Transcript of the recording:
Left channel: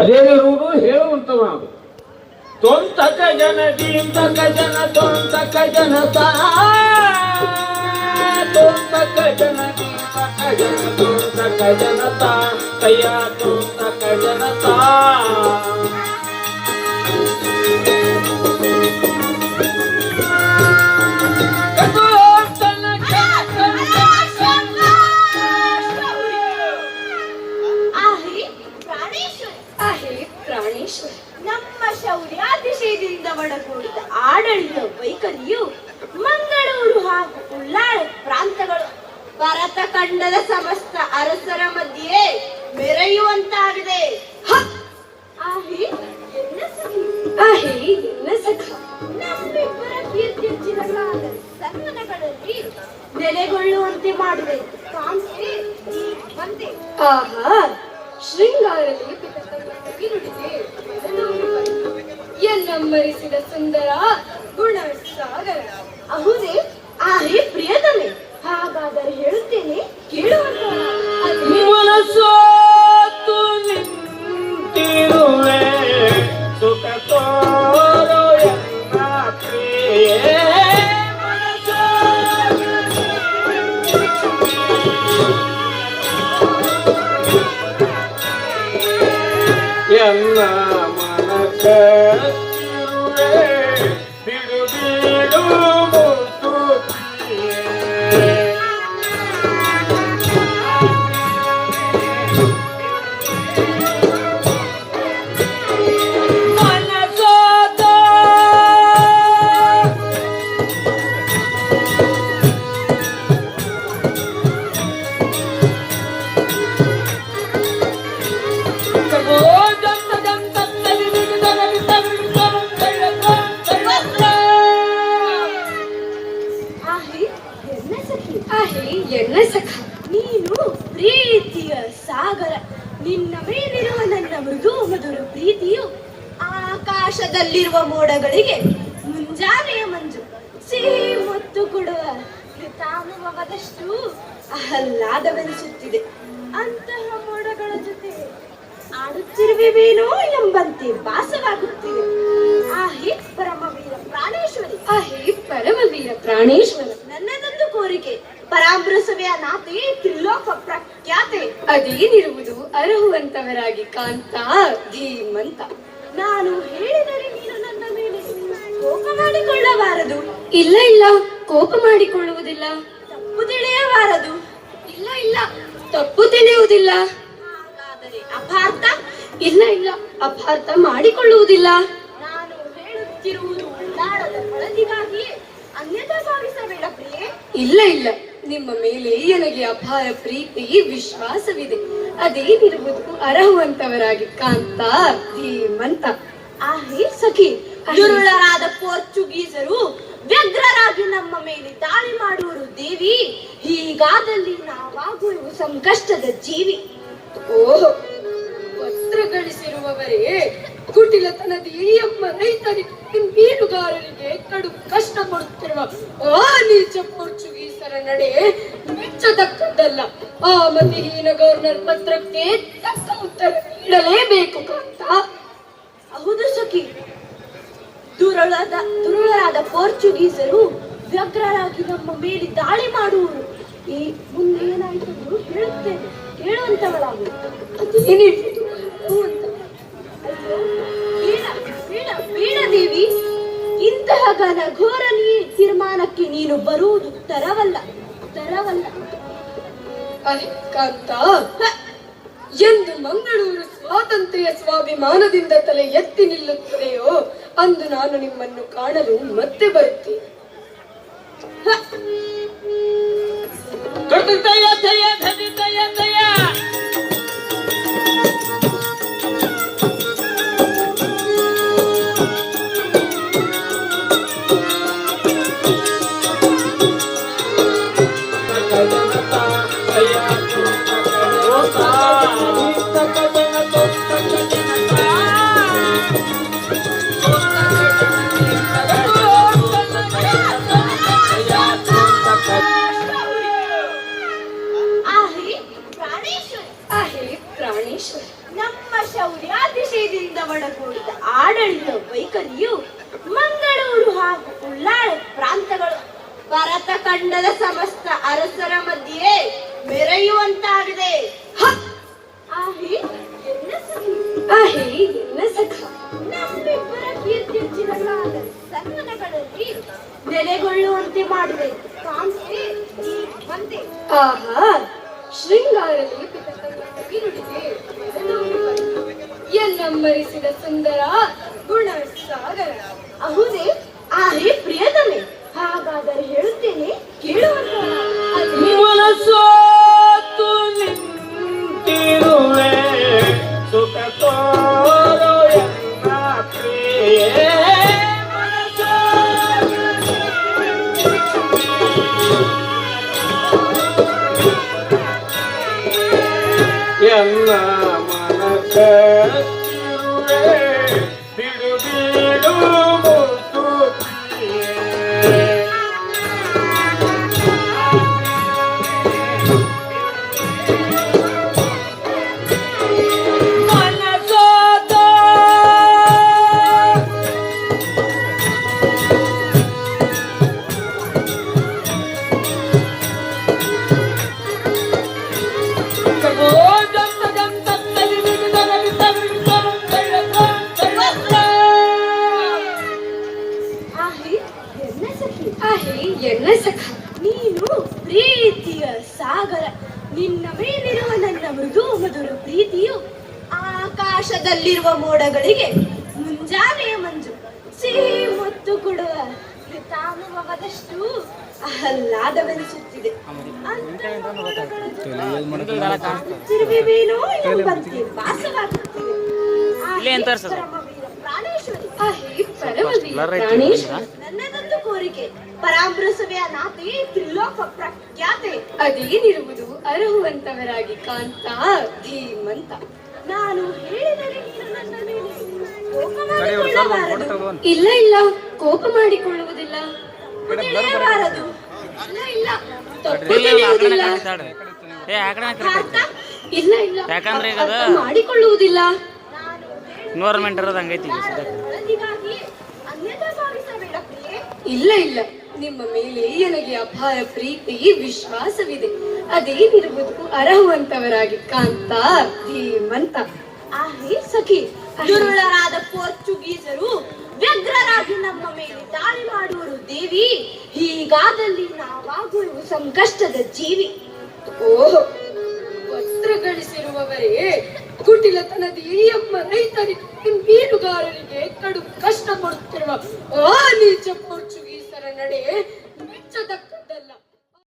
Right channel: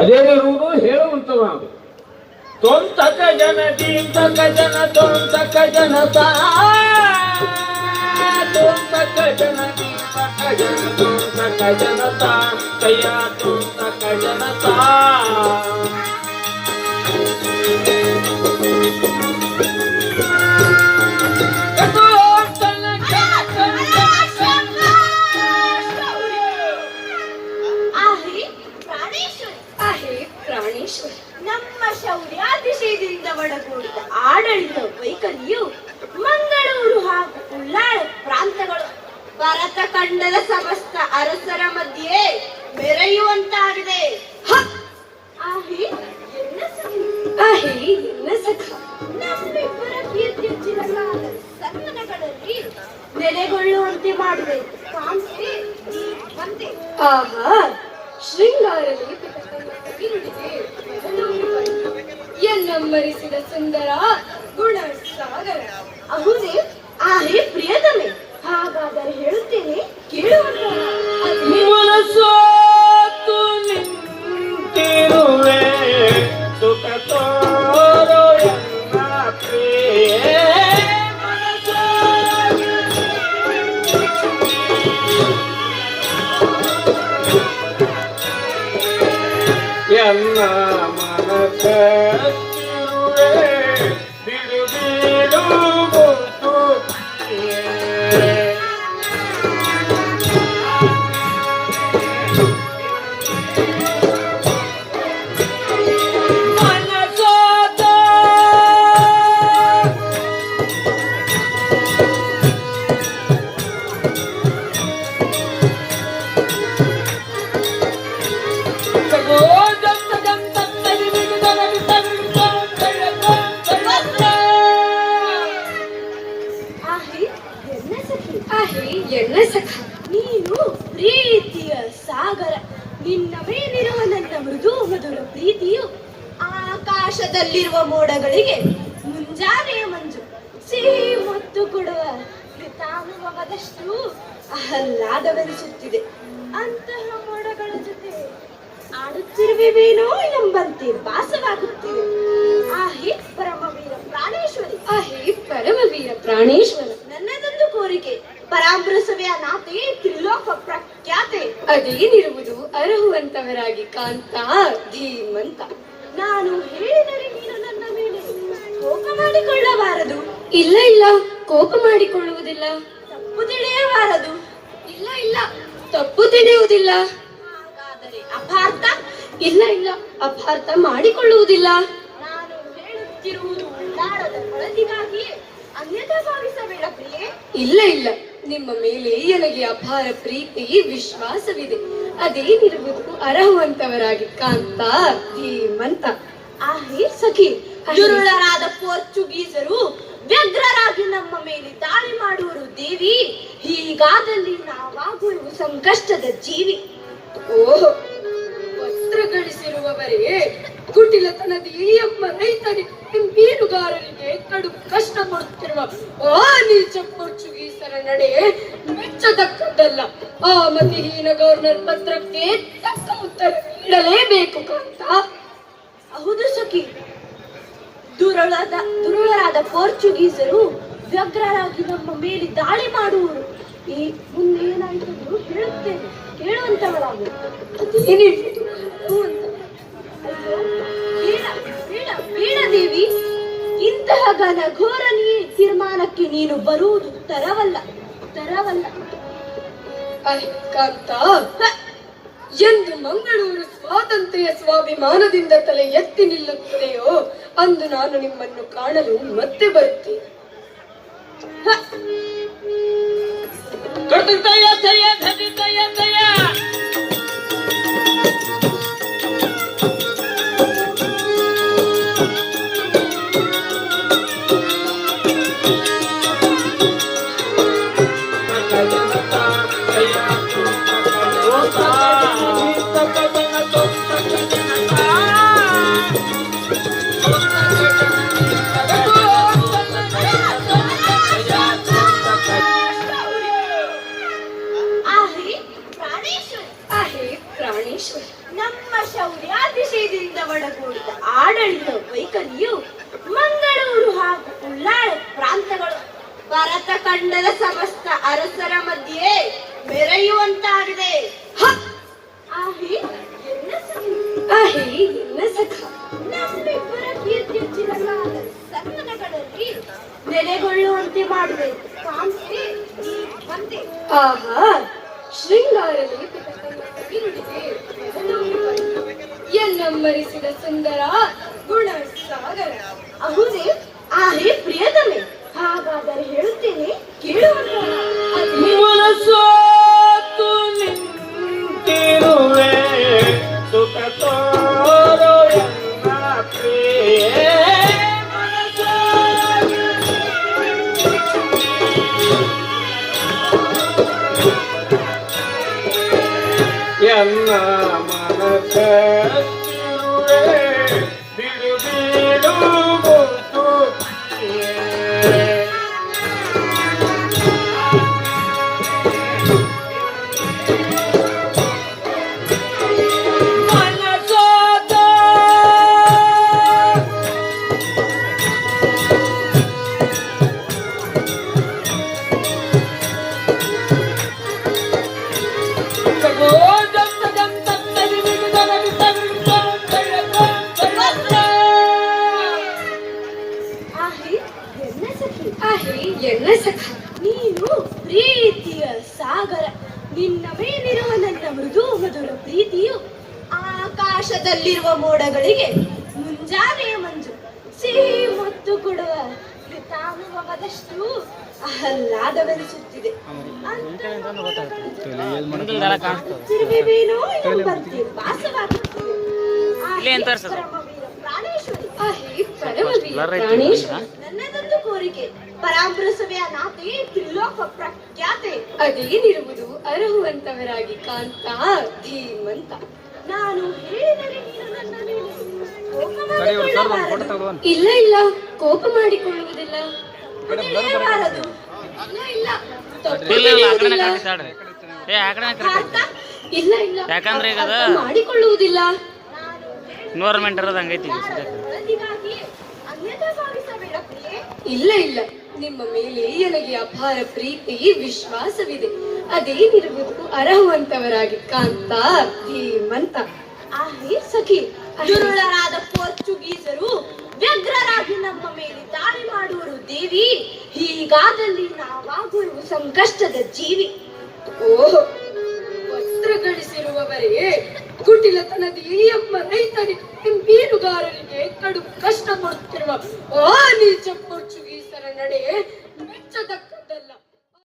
ಅದೇನಿರುವುದು ಹೇಳುವಂತ ನಾವು ತೊಂತಕ ಜನದಿ ತಕ ಜನ ತೊಂತಕ ಜನತ ತೊಂತಕ ಜನದಿ ತಕ ಜನ ತೊಂತಕ ಜನತ ಕೈಯ ತೊಂತಕ ಜನತ ಆಹೆ ಪ್ರಾಣೇಶ್ವರ आहे ನಮ್ಮ ಶೌರ್ಯ ಅತಿಶಯದಿಂದ ಆಡಳಿತ ವೈಖರಿಯು ಮಂಗಳೂರು ಹಾಗೂ ಉಳ್ಳಾಳೆ ಪ್ರಾಂತಗಳು ಭರತ ಖಂಡದ ಸಮಸ್ತ ಅರಸರ ಮಧ್ಯೆ ಮೆರೆಯುವಂತಾಗಿದೆ ಎನ್ನಮ್ಮರಿಸಿದ ಸುಂದರ ಗುಣ ಸಾಗರ. ಅಹುದೇ ಆಹೇ ಪ್ರಿಯತಮೆ ಹಾಗಾದರೆ ಹೇಳುತ್ತೇನೆ ಕೇಳುವಂತ Yanna Manakar ಪ್ರೀತಿಯು ಆಕಾಶದಲ್ಲಿರುವ ಮೋಡಗಳಿಗೆ ಮುಂಜಾನೆಯ ಮಂಜು. ಸಿಹಿ ಮುತ್ತು ಕೊಡುವ ಕೃತಾನುಭವದಷ್ಟು ಆಹ್ಲಾದವೆನಿಸುತ್ತಿದೆ. ಅಂತಹ ಮೋಡಗಳ ಜೊತೆ ಆಡುತ್ತಿರುವೆವೇನೋ ಎಂಬಂತೆ ಭಾಸವಾಗುತ್ತಿದೆ ನಾನು ಹೇಳಿದರೆ ನೀನು ನನ್ನ ಮೇಲೆ ಕೋಪ ಮಾಡಿಕೊಳ್ಳಬಾರದು. ಇಲ್ಲ ಇಲ್ಲ ಕೋಪ ಮಾಡಿಕೊಳ್ಳುವುದಿಲ್ಲ. ತಪ್ಪು ತಿಳಿಯಬಾರದು. ಇಲ್ಲ ಇಲ್ಲ ತಪ್ಪು ತಿಳಿಯುವುದಿಲ್ಲ. ಹಾಗಾದರೆ ಅಪಾರ್ಥ? ಇಲ್ಲ ಇಲ್ಲ ಅಪಾರ್ಥ ಮಾಡಿಕೊಳ್ಳುವುದಿಲ್ಲ. ನಾನು ಹೇಳುತ್ತಿರುವುದು ಒಳ್ಳಾಡದ ಬಳಕೆಗಾಗಿಯೇ ಅನ್ಯತಾ ಭಾವಿಸಬೇಡ ಪ್ರಿಯೇ. ಇಲ್ಲ ಇಲ್ಲ ನಿಮ್ಮ ಮೇಲೆ ನನಗೆ ಅಪಾರ ಪ್ರೀತಿ ವಿಶ್ವಾಸವಿದೆ. ಅದೇನಿರುವುದು ಅರಹುವಂತವರಾಗಿ ಕಾಂತ ಧೀಮಂತ. ಆಹೇ ಸಖಿ ದುರುಳರಾದ ಪೋರ್ಚುಗೀಸರು ವ್ಯಗ್ರರಾಗಿ ನಮ್ಮ ಮೇಲೆ ದಾಳಿ ಮಾಡುವರು ದೇವಿ ಹೀಗಾದಲ್ಲಿ ನಾವಾಗುವ ಸಂಕಷ್ಟದ ಜೀವಿ. ಓ ವಸ್ತ್ರ ಗಳಿಸಿರುವವರೇ ಕುಟಿಲತನದ ಎಮ್ಮ ರೈತರಿಗೆ ಮೀನುಗಾರರಿಗೆ ಕಡು ಕಷ್ಟ ಪಡುತ್ತಿರುವ ಆ ನೀಚ ಪೋರ್ಚುಗೀಸರ ನಡೆ ಮೆಚ್ಚತಕ್ಕದ್ದಲ್ಲ. ಆ ಮತಿಹೀನ ಗವರ್ನರ್ ಪತ್ರಕ್ಕೆ ತಕ್ಕ ಉತ್ತರ ನೀಡಲೇಬೇಕು ಕಾಂತ ಹೌದು ಸಖಿ. ದುರಳದ ದುರುಳರಾದ ಪೋರ್ಚುಗೀಸರು ವ್ಯಗ್ರರಾಗಿ ನಮ್ಮ ಮೇಲೆ ದಾಳಿ ಮಾಡುವರು. ಈ ಮುಂದೆ ಏನಾಯಿತು ಹೇಳುತ್ತೇನೆ. ಹೇಳುವಂತವರಾಗು ಅದೇನಿರುವುದು ಅಂತ. ಅಯ್ಯೋ, ಇಂತಹ ಘೋರ ನೀ ತೀರ್ಮಾನಕ್ಕೆ ನೀನು ಬರುವುದು ತರವಲ್ಲ ತರವಲ್ಲ ಕಾಂತ. ಎಂದು ಮಂಗಳೂರು ಸ್ವಾತಂತ್ರ್ಯ ಸ್ವಾಭಿಮಾನದಿಂದ ತಲೆ ಎತ್ತಿ ನಿಲ್ಲುತ್ತದೆಯೋ ಅಂದು ನಾನು ನಿಮ್ಮನ್ನು ಕಾಣಲು ಮತ್ತೆ ಬರುತ್ತೇನೆ. ನೆಲೆಗೊಳ್ಳುವಂತೆ ಮಾಡಿದೆ. ಆಹಾ ಶೃಂಗಾರ ಎನ್ನಮ್ಮರಿಸಿದ ಸುಂದರ ಗುಣ ಸಾಗರ ಅಹುದೇ ಆಹೇ ಪ್ರಿಯತಮೆ. ನೀನು ಪ್ರೀತಿಯ ಸಾಗರ ನಿನ್ನ ಮೇಲಿರುವ ನನ್ನ ಮೃದು ಮಧುರ ಪ್ರೀತಿಯು ಆಕಾಶದಲ್ಲಿರುವ ಮೋಡಗಳಿಗೆ ಮುಂಜಾನೆಯ ಮಂಜು. ಸಿಹಿ ಮತ್ತು ಕೊಡುವ ಹಿತಾನುಭವದಷ್ಟು ಆಹ್ಲಾದವೆನಿಸುತ್ತಿದೆ. ಅಂತಹ ನಾತಿ ತ್ರಿಲೋಕ ಪ್ರಖ್ಯಾತೆ. ಅದೇನಿರುವುದು ಅರ್ಹುವಂತವರಾಗಿ ಕಾಂತ ಧೀಮಂತ. ನಾನು ಹೇಳಿದರೆ ಇಲ್ಲ ಇಲ್ಲ ಕೋಪ ಮಾಡಿಕೊಳ್ಳುವುದಿಲ್ಲ. ಇಲ್ಲ ಇಲ್ಲ. ಯಾಕಂದ್ರೆ ಈಗ ಅದ ಮಾಡಿಕೊಳ್ಳುವುದಿಲ್ಲ. ನಾನು ಇರೋದು ಹಂಗೈತಿ ಇಲ್ಲ ಇಲ್ಲ. ನಿಮ್ಮ ಮೇಲೆ ನನಗೆ ಅಪಾರ ಪ್ರೀತಿ, ವಿಶ್ವಾಸವಿದೆ. ಅದೇನಿರುವುದು ಅರಹುವಂತವರಾಗಿ ಕಾಂತ ಧೀಮಂತ. ಆಹೇ ಸಖಿ ದುರುಳರಾದ ಪೋರ್ಚುಗೀಸರು ವ್ಯಗ್ರರಾಗಿ ನಮ್ಮ ಮೇಲೆ ದಾಳಿ ಮಾಡುವರು ದೇವಿ, ಹೀಗಾದಲ್ಲಿ ನಾವಾಗುವ ಸಂಕಷ್ಟದ ಜೀವಿ. ಓಹೋ ಗಳಿಸಿರುವವರೇ ಕುಟಿಲತನದ ಎಂಬ ರೈತರಿಗೆ ಮೀನುಗಾರರಿಗೆ ಕಡು ಕಷ್ಟ ಕೊಡುತ್ತಿರುವ ಆ ನೀಚ ಪೋರ್ಚುಗೀಸರ ನಡೆ ಮೆಚ್ಚತಕ್ಕ